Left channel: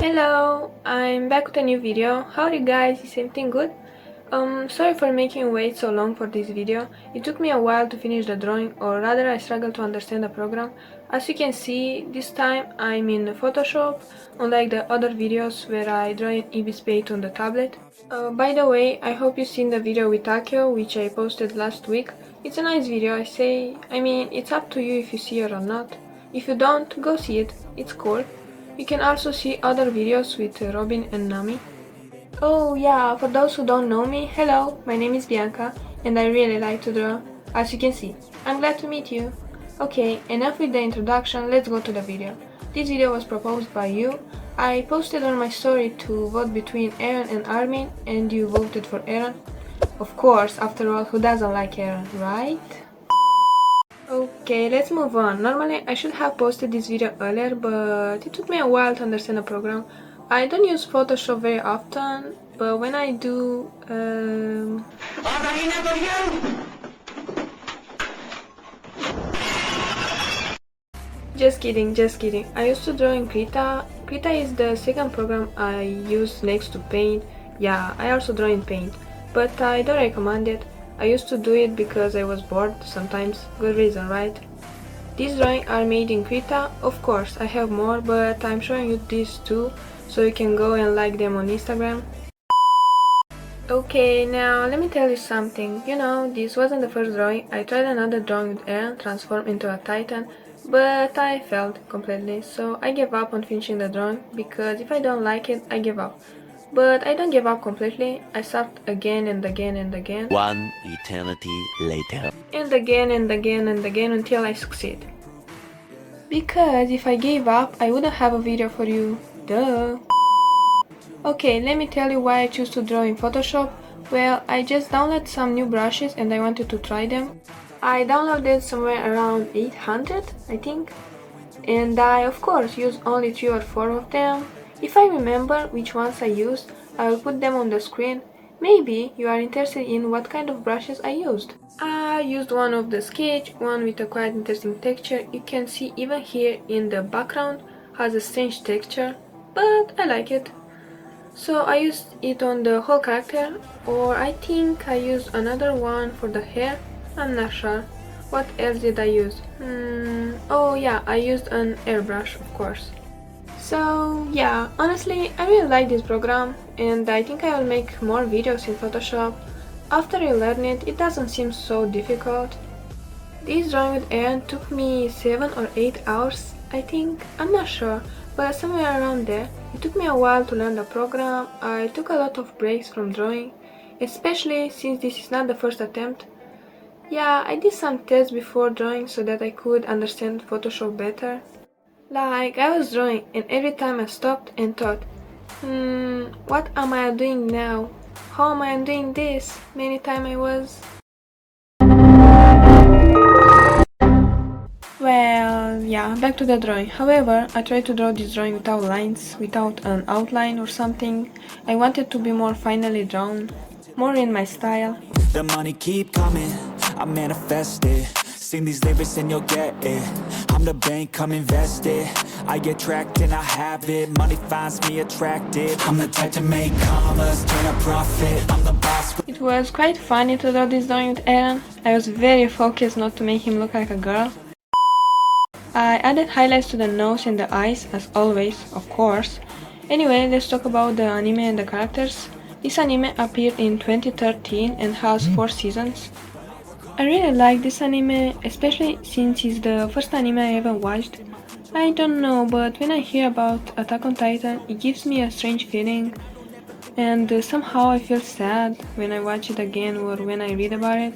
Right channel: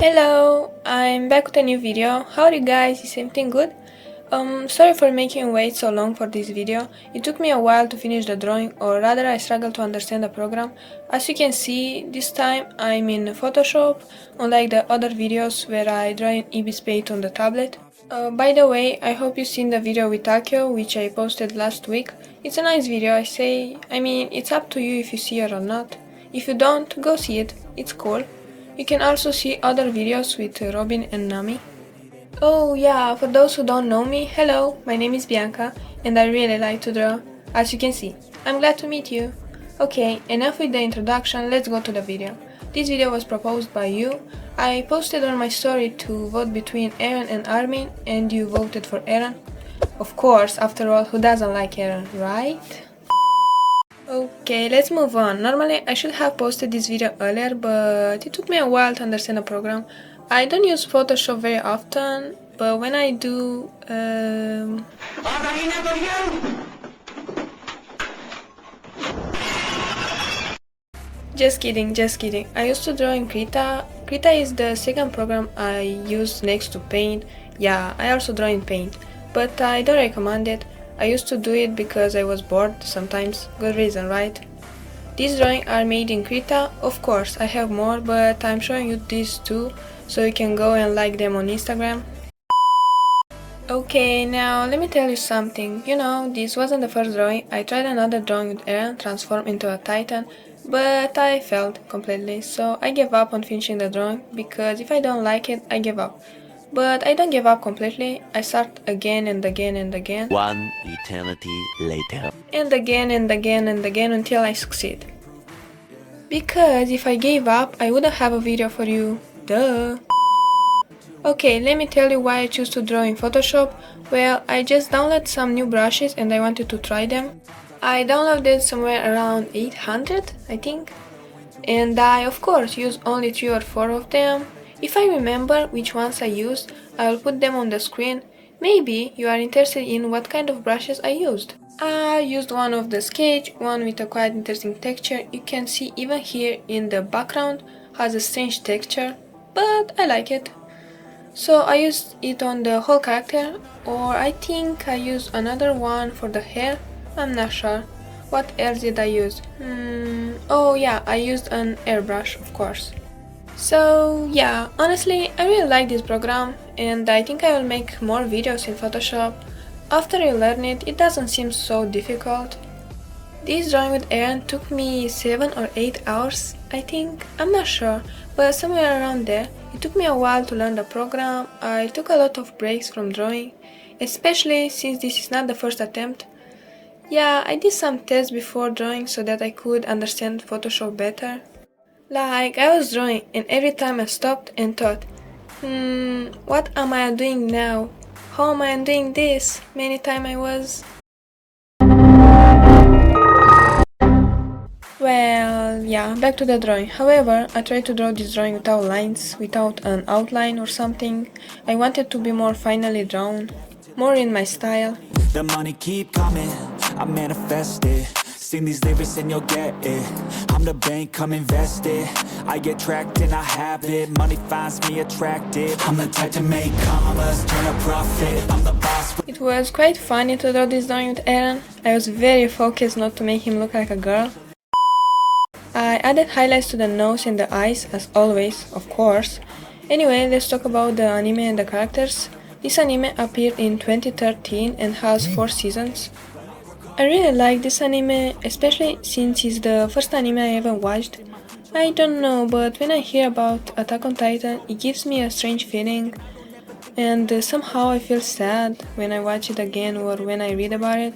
Hello, I'm back with a new video. How are you guys? Is everything good? Sorry for making you wait so long for this video. It took me a while to finish the drawing, or rather I struggled to understand the program. As you can see, this time I'm in Photoshop, unlike the other videos where I draw in Ibis Paint on the tablet. By the way, I hope you've seen the video with Takio, which I posted last week. It's a nice video, I mean, it's up to you if you see it or not. If you don't, go see it, it's cool. You can also see other videos with Robin and Nami. Oh yeah, for those who don't know me, hello, my name is Bianca and I really like to draw, as you can see. I'm glad to meet you. Okay, enough with the introduction, let's go to the video. This video was proposed by you. I posted on my story to vote between Eren and Armin and you voted for Eren. Of course, after all, who doesn't like Eren, right? Okay, let's move on. Normally I should have posted this video earlier, but it took me a while to understand the program. I don't use Photoshop very often, but when I do, just kidding, just kidding. I used to draw in Krita. Krita is the second program I use next to Paint. Yeah, I also draw in Paint, but I don't recommend it. I used to do it because I was bored sometimes. Good reason, right? These drawings are made in Krita. Of course, I have more, but I'm showing you these two, so you can go and like them on Instagram. Okay, now let me tell you something. You know, this wasn't the first drawing. I tried another drawing with Eren, transformed into a titan, but I failed completely, so I gave up on finishing the drawing, because if I don't like it, I give up. But I don't give up completely, I start again and again and again. One eternity later. And again and again and again until I succeed. Because if I gave up, I wouldn't have a video for you. Duh. Okay, let me tell you why I choose to draw in Photoshop. Well, I just downloaded some new brushes and I wanted to try them. I downloaded somewhere around 800, I think. And I, of course, used only 3 or 4 of them. If I remember which ones I used, I will put them on the screen. Maybe you are interested in what kind of brushes I used. I used one of the sketch, one with a quite interesting texture. You can see even here in the background has a strange texture, but I like it. So I used it on the whole character, or I think I used another one for the hair, I'm not sure. What else did I use? Oh yeah, I used an airbrush, of course. So yeah, honestly, I really like this program and I think I will make more videos in Photoshop. After you learn it, it doesn't seem so difficult. This drawing with Eren took me 7 or 8 hours, I think, I'm not sure, but somewhere around there. It took me a while to learn the program. I took a lot of breaks from drawing, especially since this is not the first attempt. Yeah, I did some tests before drawing so that I could understand Photoshop better. Like, I was drawing and every time I stopped and thought, what am I doing now? How am I doing this? Many times I was. Well, yeah, back to the drawing. However, I tried to draw this drawing without lines, without an outline or something. I wanted to be more finely drawn, more in my style. The money keep coming, I manifest it. Sing these lyrics and you'll get it. I'm the bank, come invest it. I get tracked and I have it. Money finds me attractive. I'm the type to make commas, turn a profit. I'm the boss. It was quite funny to draw this drawing with Eren. I was very focused not to make him look like a girl. I added highlights to the nose and the eyes, as always, of course. Anyway, let's talk about the anime and the characters. This anime appeared in 2013 and has 4 seasons. I really like this anime, especially since it's the first anime I ever watched. I don't know, but when I hear about Attack on Titan, it gives me a strange feeling. And somehow I feel sad when I watch it again or when I read about it.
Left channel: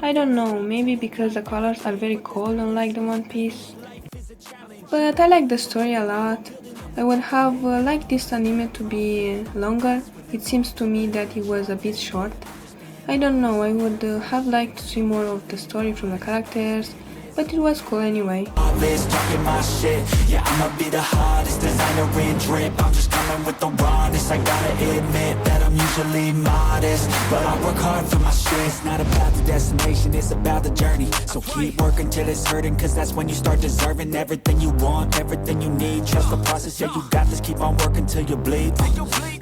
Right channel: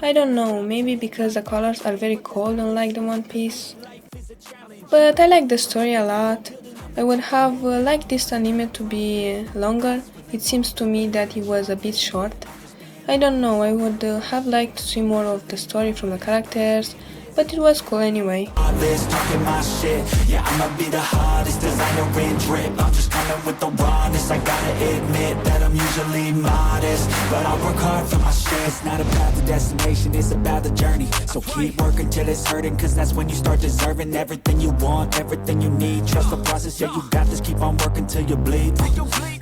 I don't know, maybe because the colors are very cold unlike the One Piece. But I like the story a lot. I would have liked this anime to be longer. It seems to me that it was a bit short. I don't know, I would have liked to see more of the story from the characters, but it was cool anyway. Talking my shit, yeah, I'ma be the hottest designer in drip. I'm just coming with the rawness. I gotta admit that I'm usually modest, but I work hard for my shit. It's not about the destination, it's about the journey. So keep working till it's hurting, cause that's when you start deserving everything you want, everything you need. Trust the process, yeah, you got this. Keep on working till you bleed.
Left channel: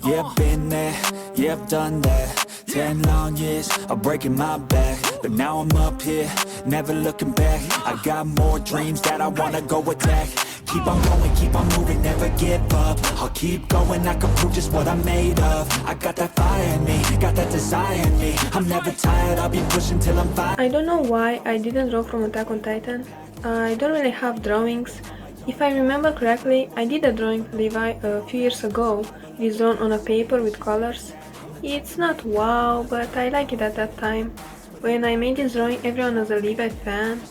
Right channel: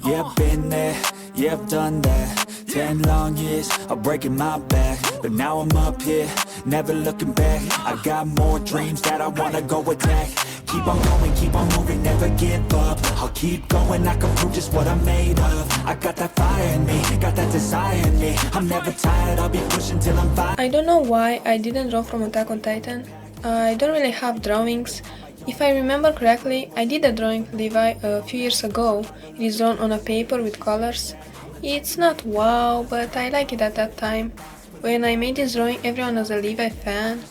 Yeah, I've been there, yeah, I've done that. 10 long years of breaking my back, but now I'm up here, never looking back. I got more dreams that I wanna go attack. Keep on going, keep on moving, never give up. I'll keep going, I can prove just what I'm made of. I got that fire in me, got that desire in me. I'm never tired, I'll be pushing till I'm fine. I don't know why I didn't draw from Attack on Titan. I don't really have drawings. If I remember correctly, I did a drawing Levi a few years ago. It is drawn on a paper with colors. It's not wow, but I like it at that time. When I made this drawing, everyone was a Levi fan.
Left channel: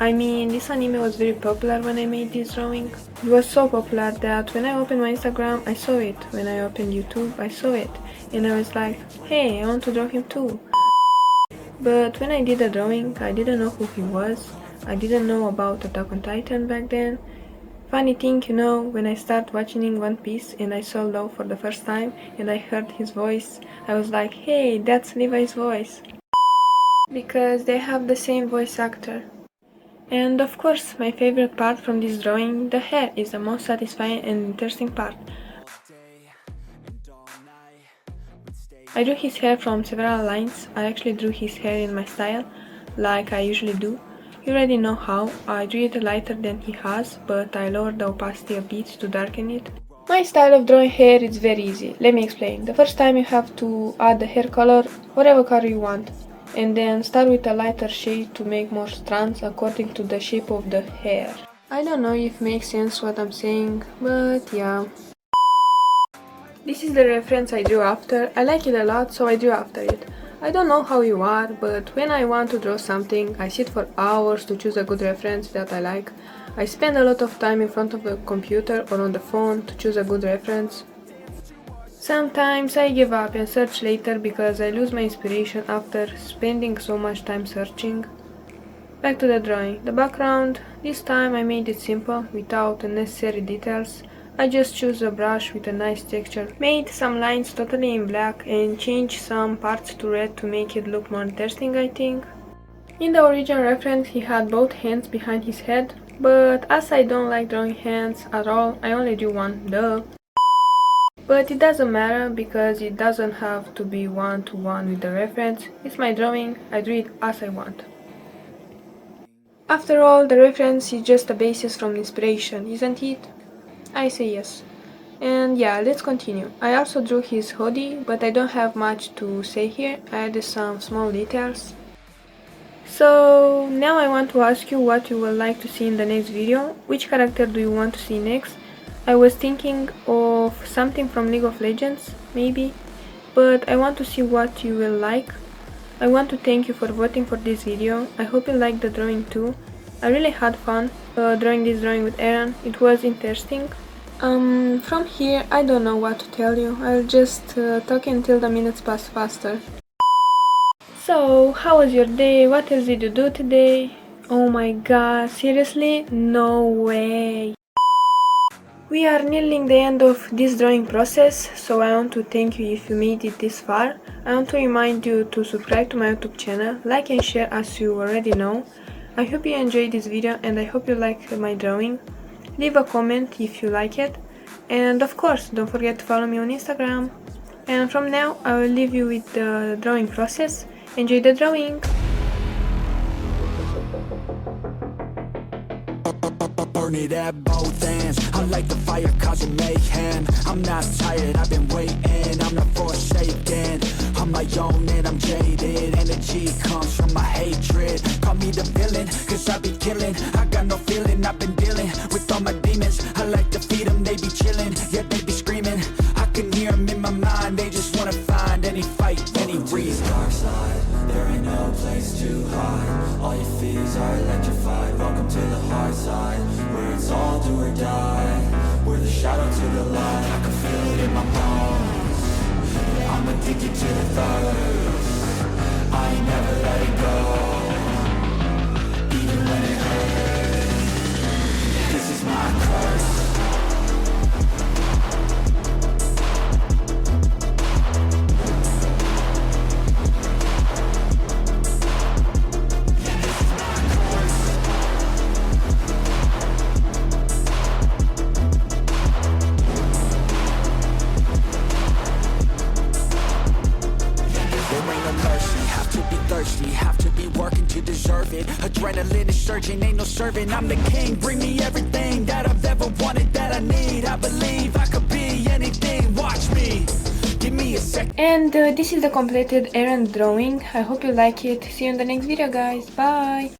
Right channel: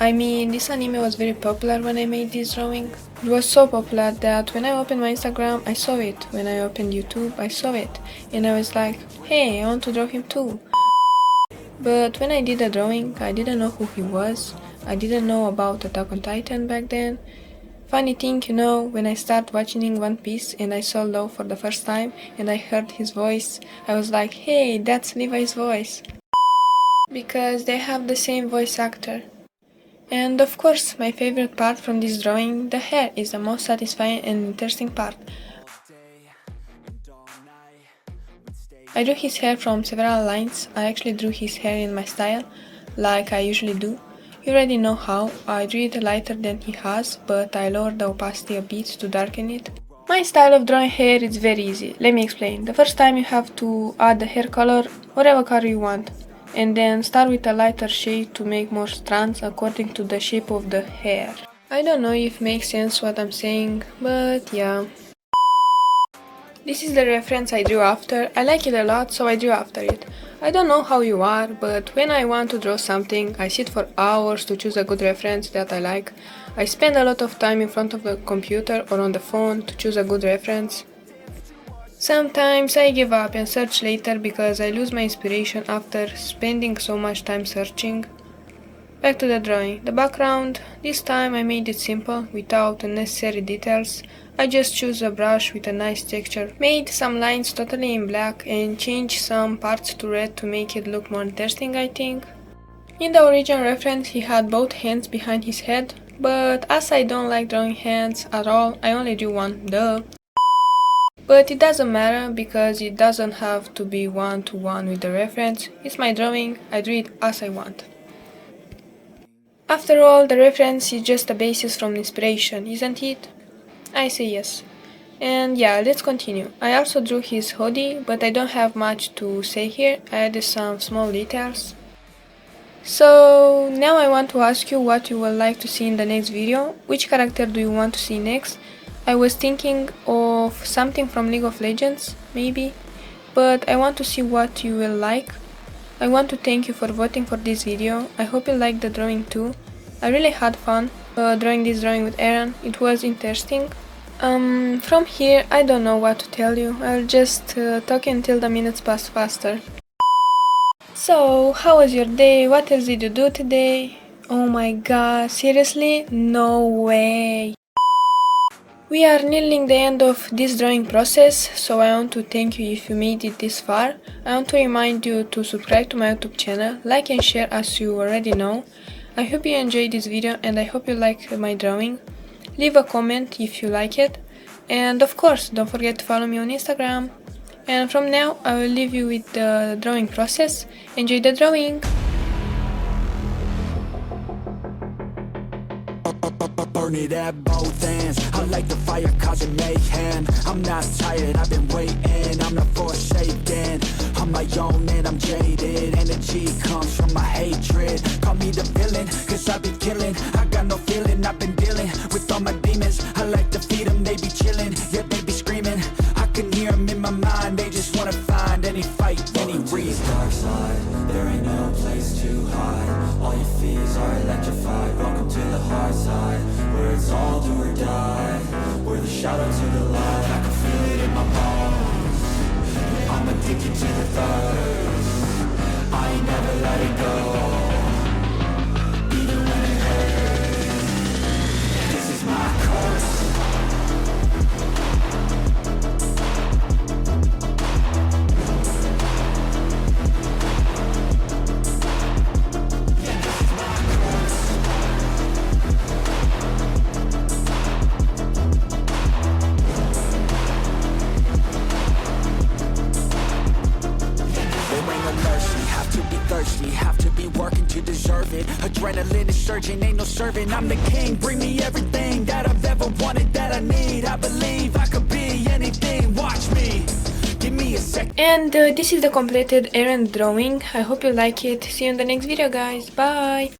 I mean, this anime was very popular when I made this drawing. It was so popular that when I opened my Instagram, I saw it. When I opened YouTube, I saw it. And I was like, hey, I want to draw him too. But when I did the drawing, I didn't know who he was. I didn't know about Attack on Titan back then. Funny thing, you know, when I started watching One Piece and I saw Law for the first time and I heard his voice, I was like, hey, that's Levi's voice. Because they have the same voice actor. And of course, my favorite part from this drawing, the hair, is the most satisfying and interesting part. I drew his hair from several lines. I actually drew his hair in my style, like I usually do. You already know how. I drew it lighter than he has, but I lowered the opacity a bit to darken it. My style of drawing hair is very easy. Let me explain. The first time you have to add the hair color, whatever color you want, and then start with a lighter shade to make more strands according to the shape of the hair. I don't know if it makes sense what I'm saying, but yeah. This is the reference I drew after. I like it a lot, so I drew after it. I don't know how you are, but when I want to draw something, I sit for hours to choose a good reference that I like. I spend a lot of time in front of the computer or on the phone to choose a good reference. Sometimes I give up and search later because I lose my inspiration after spending so much time searching. Back to the drawing. The background, this time I made it simple, without unnecessary details. I just chose a brush with a nice texture, made some lines totally in black and changed some parts to red to make it look more interesting, I think. In the original reference he had both hands behind his head, but as I don't like drawing hands at all, I only drew one, duh. But it doesn't matter because it doesn't have to be one-to-one with the reference. It's my drawing, I drew it as I want. After all, the reference is just a basis from inspiration, isn't it? I say yes. And yeah, let's continue. I also drew his hoodie, but I don't have much to say here. I added some small details. So now I want to ask you what you would like to see in the next video. Which character do you want to see next? I was thinking of something from League of Legends, maybe, but I want to see what you will like. I want to thank you for voting for this video. I hope you liked the drawing too. I really had fun drawing this drawing with Eren. It was interesting. From here, I don't know what to tell you. I'll just talk until the minutes pass faster. So, how was your day? What else did you do today? Oh my god, seriously? No way. We are nearing the end of this drawing process, so I want to thank you if you made it this far. I want to remind you to subscribe to my YouTube channel, like and share as you already know. I hope you enjoyed this video and I hope you like my drawing. Leave a comment if you like it. And of course, don't forget to follow me on Instagram. And from now, I will leave you with the drawing process. Enjoy the drawing! Burn it at both ends. I like the fire causing mayhem. I'm not tired, I've been waiting. I'm not forsaken. I'm my own and I'm jaded. Energy comes from my hatred. Call me the villain, cause I be killing. I got no feeling, I've been dealing with all my demons. I like to feed them, they be chilling. Yeah, they be screaming. I can hear them in my mind. They just wanna find any fight, any reason. Dark side, there ain't no place to hide. All your fears are electrified. Welcome to the hard side, where it's all do or die. We're the shadow to the light. I can feel it in my bones. I'm addicted to the thirst. I ain't never letting go, even when it hurts. thirsty, have to be working to deserve it. Adrenaline is surging, ain't no serving. I'm the king, bring me everything that I've ever wanted, that I need. I believe I could be anything, watch me. Give me a sec. And this is the completed Eren drawing. I hope you like it. See you in the next video, guys. Bye.